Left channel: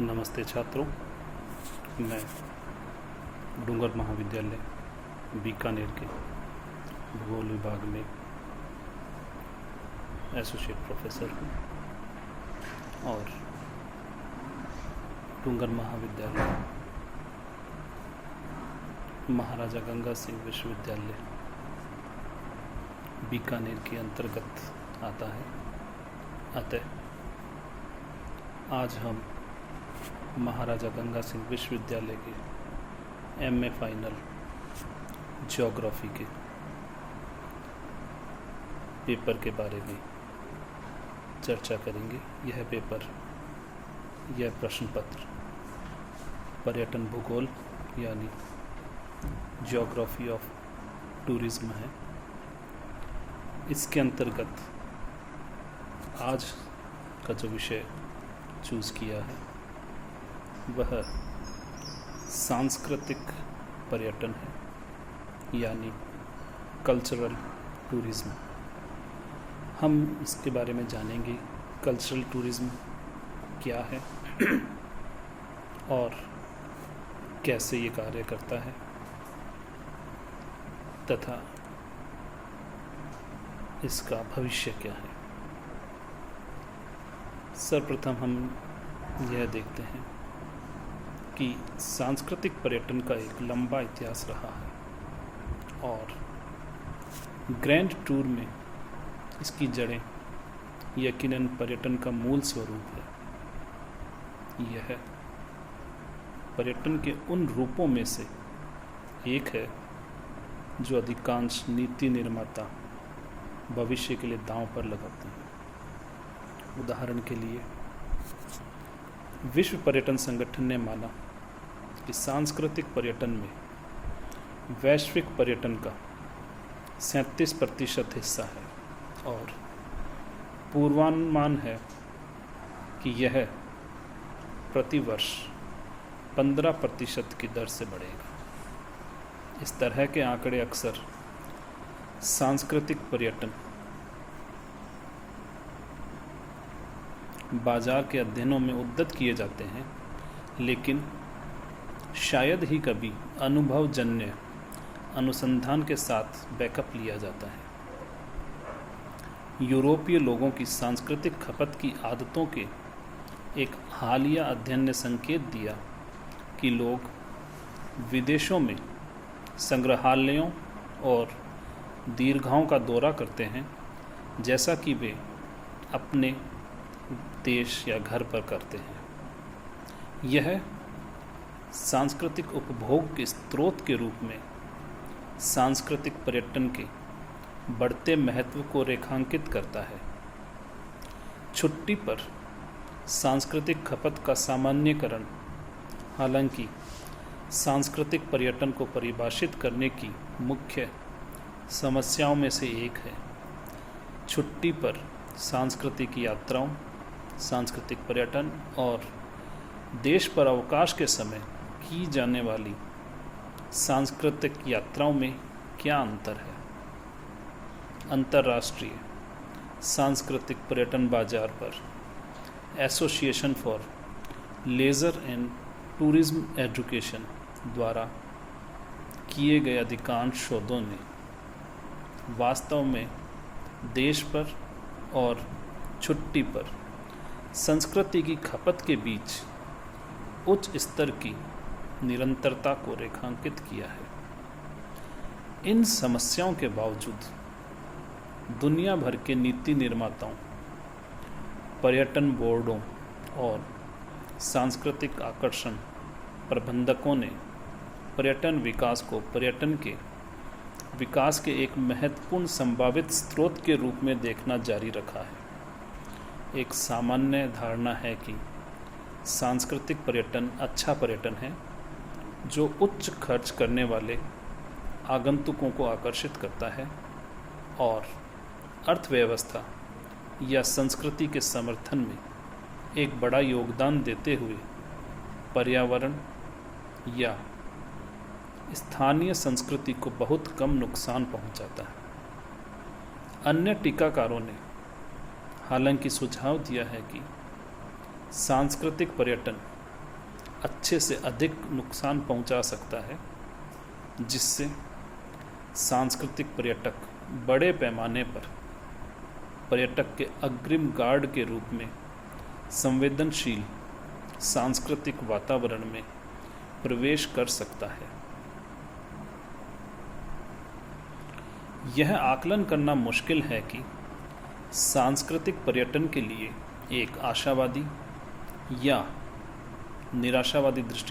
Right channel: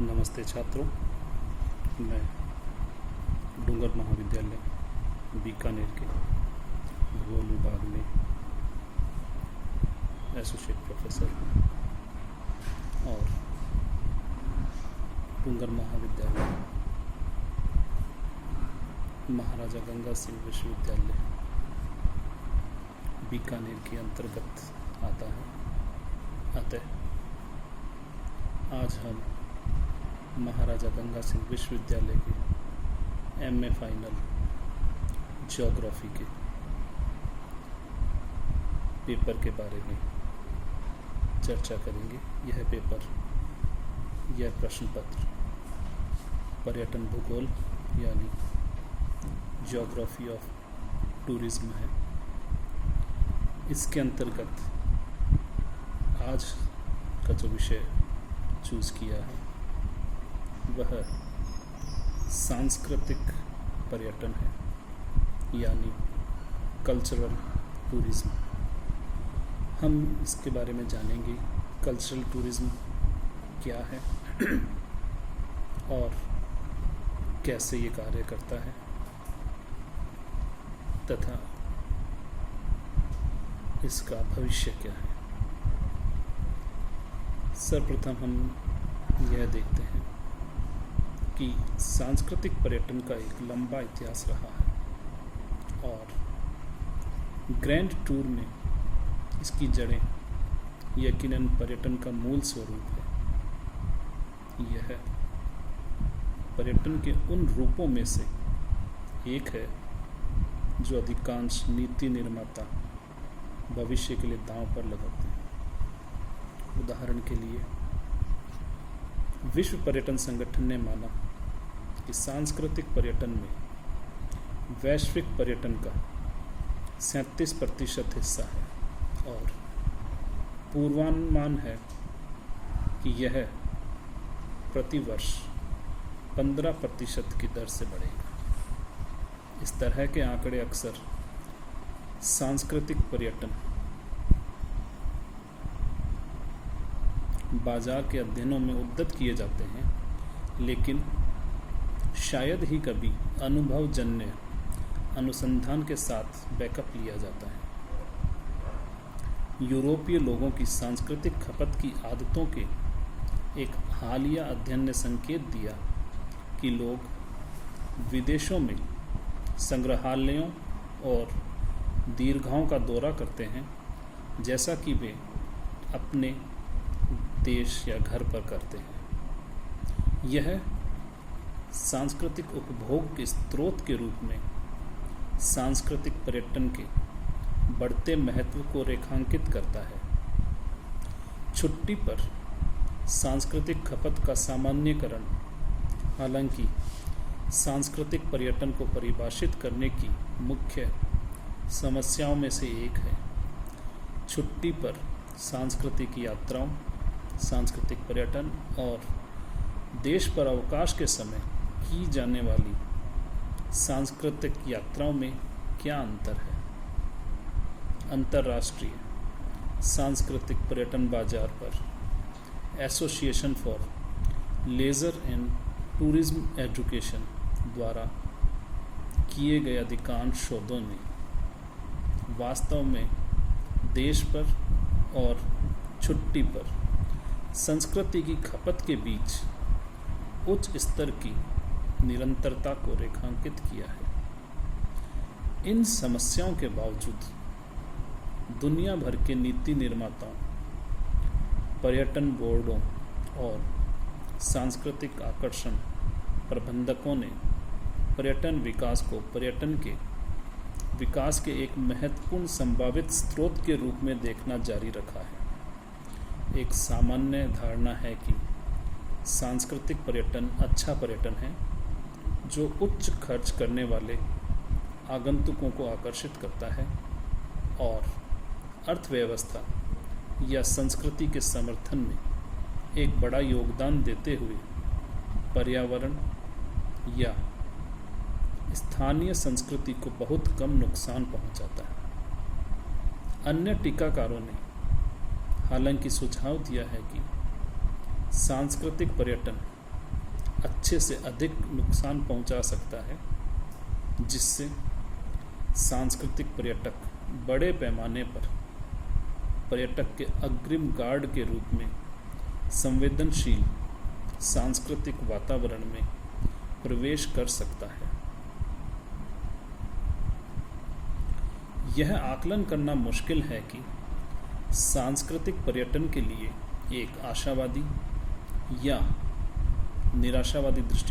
नमस्ते छात्रों, मैं डूंगर महाविद्यालय बीकानेर के भूगोल विभाग में एसोसिएट प्रोफेसर हूँ और डूंगर महाविद्यालय महाराजा गंगा सिंह विश्वविद्यालय बीकानेर के अंतर्गत आता है। अतः आज हम महाराजा गंगा सिंह विश्वविद्यालय के एमए फाइनल ज्योग्राफी के पेपर के बारे में चर्चा करेंगे। यह प्रश्न पत्र पर्यटन भूगोल यानी ज्योग्राफी ऑफ टूरिज्म है। इसके अंतर्गत आज का जो विषय चूज़ किया है वह सांस्कृतिक पर्यटन है यानी कल्चरल टूरिज्म। हम इसके बारे में जानेंगे कल्चरल टूरिज्म क्या है और कैसे ये कार्य करता है तथा इसका भविष्य क्या है। सर्वप्रथम हम यह देखते हैं कि सांस्कृतिक पर्यटन का एक लंबा इतिहास रहा है और ग्रैंड टूर में इसकी जड़ें यकीनन पर्यटन का मूल स्वरूप है। यह पर्यटन के उन रूपों में से एक है जो अधिकांश नीति निर्माता भविष्य के लिए दांव पर लगाते हैं। उदाहरण के लिए विश्व पर्यटन संगठन ने माना कि सांस्कृतिक पर्यटन में वैश्विक पर्यटन का 37% हिस्सा है और पूर्वानुमान है कि यह प्रतिवर्ष 15% की दर से बढ़ेगा। इस तरह के आंकड़े अक्सर सांस्कृतिक पर्यटन बाजार के अध्ययनों में उद्धृत किए जाते हैं, लेकिन शायद ही कभी अनुभवजन्य अनुसंधान के साथ बैकअप लिया जाता है। यूरोपीय लोगों की सांस्कृतिक खपत की आदतों के एक हालिया अध्ययन ने संकेत दिया कि लोग विदेशों में संग्रहालयों और दीर्घाओं का दौरा करते हैं जैसा कि वे अपने देश या घर पर करते हैं। यह सांस्कृतिक उपभोग के स्रोत के रूप में सांस्कृतिक पर्यटन के बढ़ते महत्व को रेखांकित करता है। छुट्टी पर सांस्कृतिक खपत का सामान्यकरण हालांकि सांस्कृतिक पर्यटन को परिभाषित करने की मुख्य समस्याओं में से एक है। छुट्टी पर सांस्कृतिक यात्राओं, सांस्कृतिक पर्यटन और देश पर अवकाश के समय की जाने वाली सांस्कृतिक यात्राओं में क्या अंतर है। अंतर्राष्ट्रीय सांस्कृतिक पर्यटन बाजार पर association for leisure and tourism education द्वारा किए गए अधिकांश शोधों ने वास्तव में देश पर और छुट्टी पर संस्कृति की खपत के बीच उच्च स्तर की निरंतरता को रेखांकित किया है। इन समस्याओं के बावजूद दुनिया भर के नीति निर्माताओं, पर्यटन बोर्डों और सांस्कृतिक आकर्षण प्रबंधकों ने पर्यटन विकास को पर्यटन के विकास के एक महत्वपूर्ण संभावित स्रोत के रूप में देखना जारी रखा है। एक सामान्य धारणा है कि सांस्कृतिक पर्यटन अच्छा पर्यटन है जो उच्च खर्च करने वाले आगंतुकों को आकर्षित करता है और अर्थव्यवस्था या संस्कृति के समर्थन में एक बड़ा योगदान देते हुए पर्यावरण या स्थानीय संस्कृति को बहुत कम नुकसान पहुंचाता है। अन्य टीकाकारों ने हालांकि सुझाव दिया है कि सांस्कृतिक पर्यटन अच्छे से अधिक नुकसान पहुंचा सकता है, जिससे सांस्कृतिक पर्यटक बड़े पैमाने पर पर्यटक के अग्रिम गार्ड के रूप में संवेदनशील सांस्कृतिक वातावरण में प्रवेश कर सकता है। यह आकलन करना मुश्किल है कि सांस्कृतिक पर्यटन के लिए एक आशावादी या निराशावादी दृष्टि